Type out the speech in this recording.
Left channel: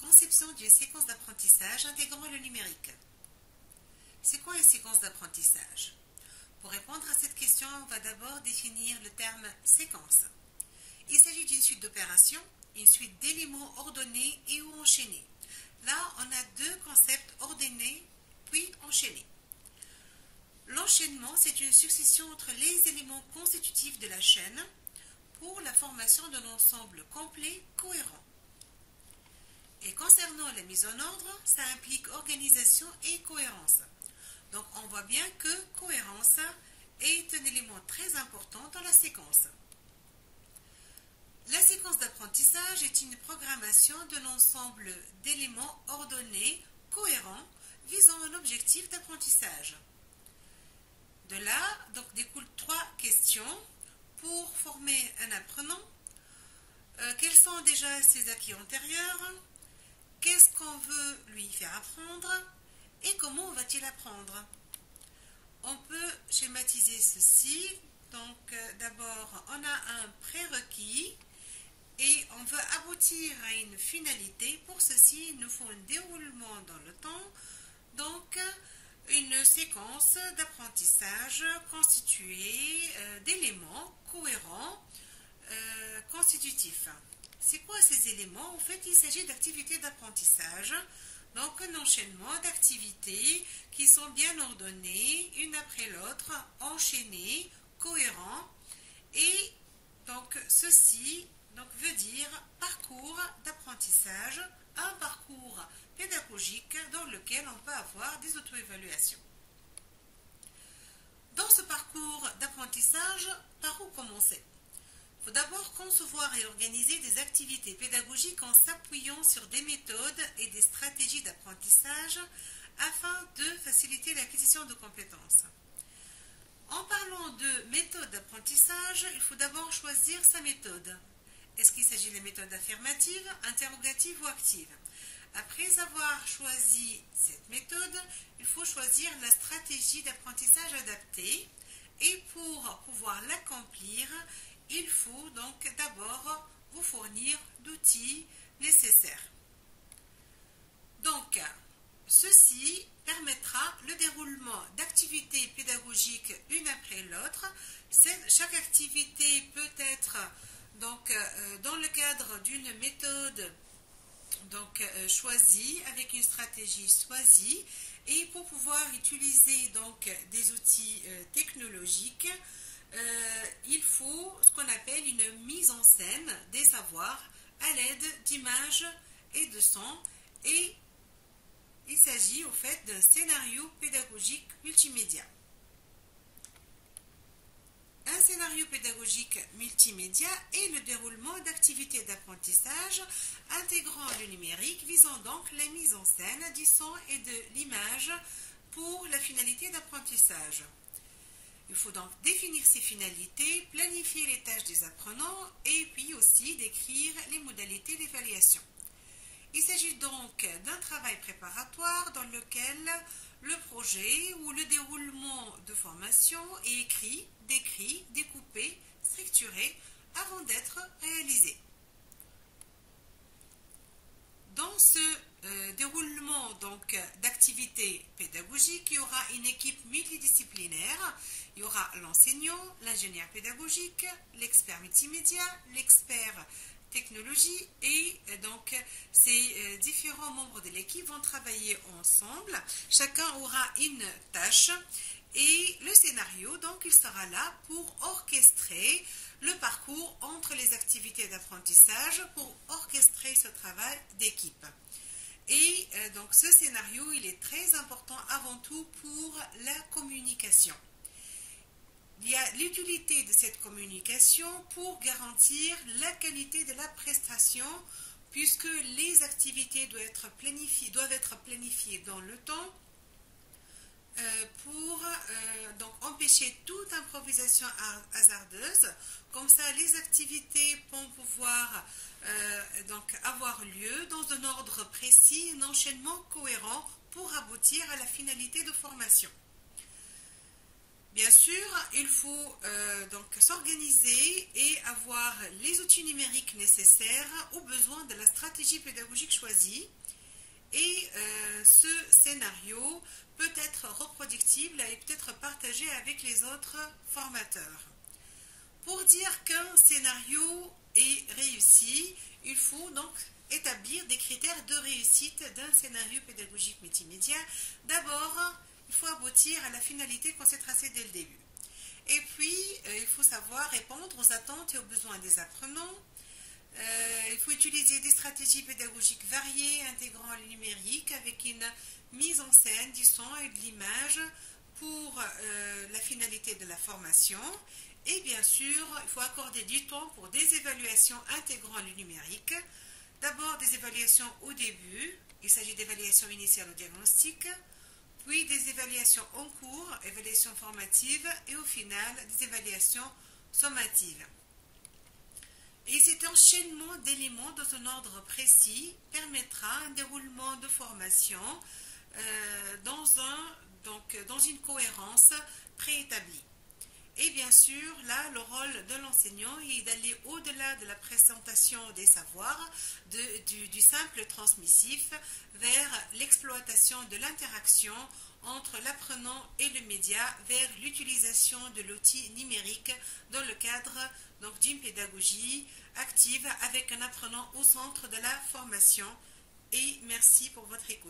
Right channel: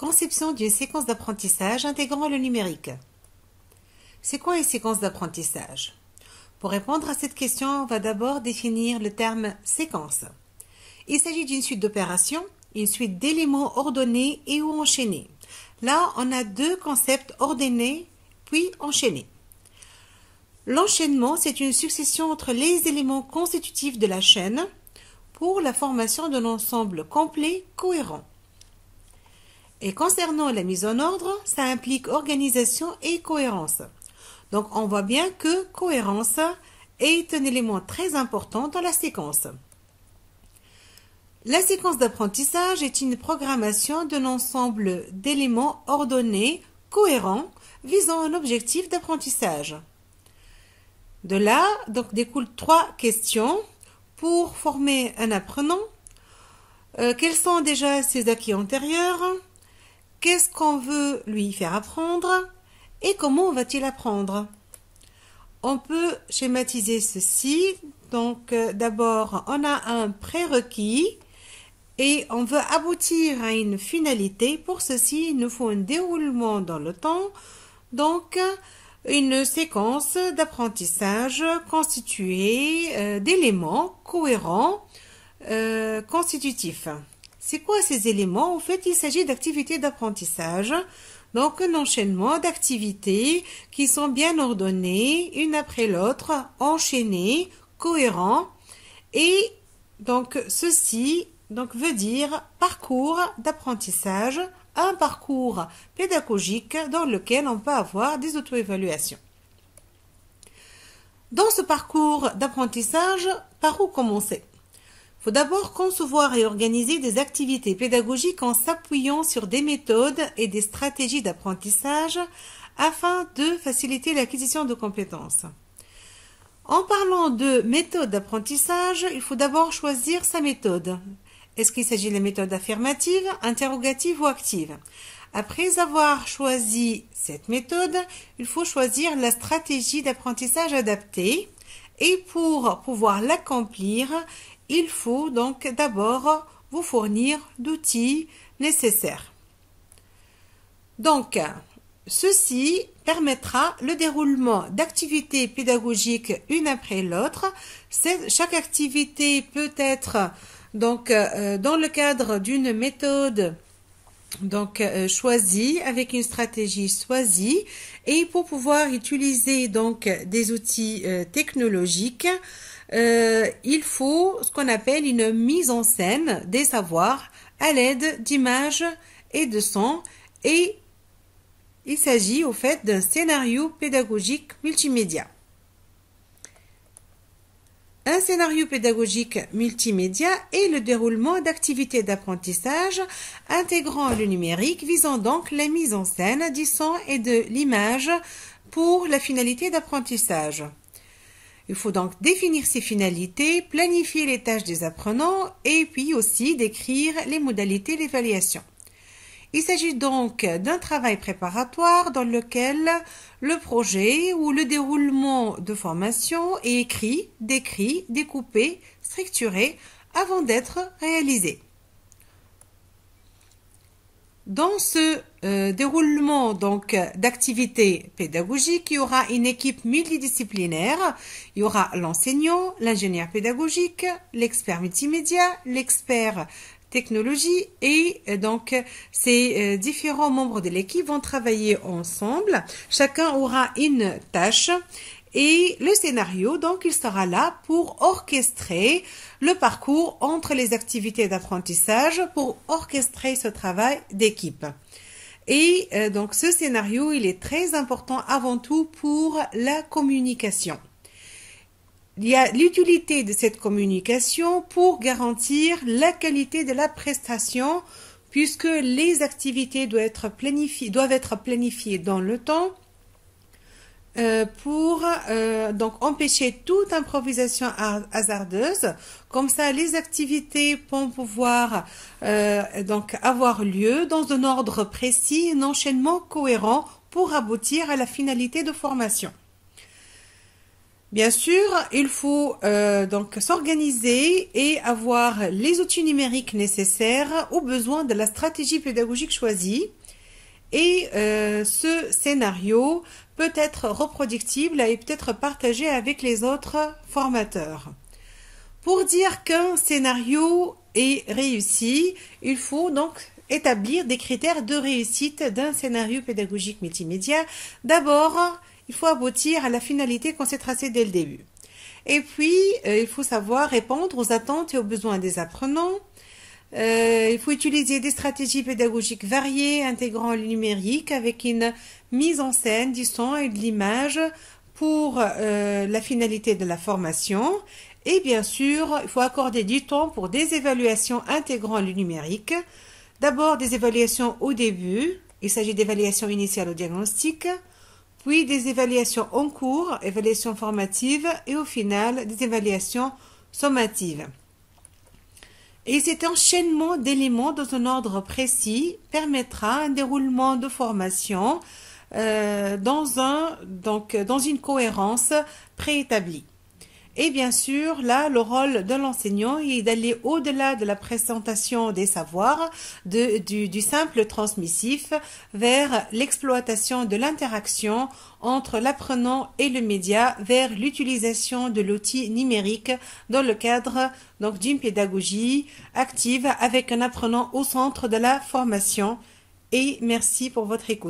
Conception d'une séquence d'apprentissage intégrant le numérique. C'est quoi une séquence d'apprentissage? Pour répondre à cette question, on va d'abord définir le terme séquence. Il s'agit d'une suite d'opérations, une suite d'éléments ordonnés et ou enchaînés. Là, on a deux concepts ordonnés puis enchaînés. L'enchaînement, c'est une succession entre les éléments constitutifs de la chaîne pour la formation d'un ensemble complet cohérent. Et concernant la mise en ordre, ça implique organisation et cohérence. Donc on voit bien que cohérence est un élément très important dans la séquence. La séquence d'apprentissage est une programmation d'un ensemble d'éléments ordonnés, cohérents, visant un objectif d'apprentissage. De là, donc, découlent trois questions pour former un apprenant. Quels sont déjà ses acquis antérieurs? Qu'est-ce qu'on veut lui faire apprendre et comment va-t-il apprendre? On peut schématiser ceci. Donc, d'abord, on a un prérequis et on veut aboutir à une finalité. Pour ceci, il nous faut un déroulement dans le temps. Donc, une séquence d'apprentissage constituée d'éléments cohérents, constitutifs. C'est quoi ces éléments? En fait, il s'agit d'activités d'apprentissage, donc un enchaînement d'activités qui sont bien ordonnées, une après l'autre, enchaînées, cohérents, et donc ceci veut dire parcours d'apprentissage, un parcours pédagogique dans lequel on peut avoir des auto-évaluations. Dans ce parcours d'apprentissage, par où commencer? Il faut d'abord concevoir et organiser des activités pédagogiques en s'appuyant sur des méthodes et des stratégies d'apprentissage afin de faciliter l'acquisition de compétences. En parlant de méthode d'apprentissage, il faut d'abord choisir sa méthode. Est-ce qu'il s'agit de la méthode affirmative, interrogative ou active? Après avoir choisi cette méthode, il faut choisir la stratégie d'apprentissage adaptée et pour pouvoir l'accomplir, il faut donc d'abord vous fournir d'outils nécessaires. Donc, ceci permettra le déroulement d'activités pédagogiques une après l'autre. Chaque activité peut être donc dans le cadre d'une méthode choisie avec une stratégie choisie et pour pouvoir utiliser donc des outils technologiques. Il faut ce qu'on appelle une mise en scène des savoirs à l'aide d'images et de sons et il s'agit au fait d'un scénario pédagogique multimédia. Un scénario pédagogique multimédia est le déroulement d'activités d'apprentissage intégrant le numérique visant donc la mise en scène du son et de l'image pour la finalité d'apprentissage. Il faut donc définir ces finalités, planifier les tâches des apprenants et puis aussi décrire les modalités d'évaluation. Il s'agit donc d'un travail préparatoire dans lequel le projet ou le déroulement de formation est écrit, décrit, découpé, structuré avant d'être réalisé. Dans ce déroulement d'activités pédagogiques, il y aura une équipe multidisciplinaire. Il y aura l'enseignant, l'ingénieur pédagogique, l'expert multimédia, l'expert technologie et donc ces différents membres de l'équipe vont travailler ensemble. Chacun aura une tâche et le scénario, donc il sera là pour orchestrer le parcours entre les activités d'apprentissage, pour orchestrer ce travail d'équipe. Et donc ce scénario, il est très important avant tout pour la communication. Il y a l'utilité de cette communication pour garantir la qualité de la prestation puisque les activités doivent être planifiées dans le temps pour donc empêcher toute improvisation hasardeuse. Comme ça, les activités vont pouvoir donc avoir lieu dans un ordre précis, un enchaînement cohérent pour aboutir à la finalité de formation. Bien sûr, il faut donc s'organiser et avoir les outils numériques nécessaires aux besoins de la stratégie pédagogique choisie. Et ce scénario peut être reproductible et peut être partagé avec les autres formateurs. Pour dire qu'un scénario est réussi, il faut donc établir des critères de réussite d'un scénario pédagogique multimédia. D'abord, il faut aboutir à la finalité qu'on s'est tracée dès le début. Et puis, il faut savoir répondre aux attentes et aux besoins des apprenants. Il faut utiliser des stratégies pédagogiques variées, intégrant le numérique avec une mise en scène du son et de l'image pour la finalité de la formation. Et bien sûr, il faut accorder du temps pour des évaluations intégrant le numérique. D'abord, des évaluations au début. Il s'agit d'évaluations initiales au diagnostic. Puis des évaluations en cours, évaluations formatives. Et au final, des évaluations sommatives. Et cet enchaînement d'éléments dans un ordre précis permettra un déroulement de formation dans une cohérence préétablie. Et bien sûr, là, le rôle de l'enseignant est d'aller au-delà de la présentation des savoirs, du simple transmissif, vers l'exploitation de l'interaction entre l'apprenant et le média, vers l'utilisation de l'outil numérique dans le cadre donc d'une pédagogie active avec un apprenant au centre de la formation. Et merci pour votre écoute.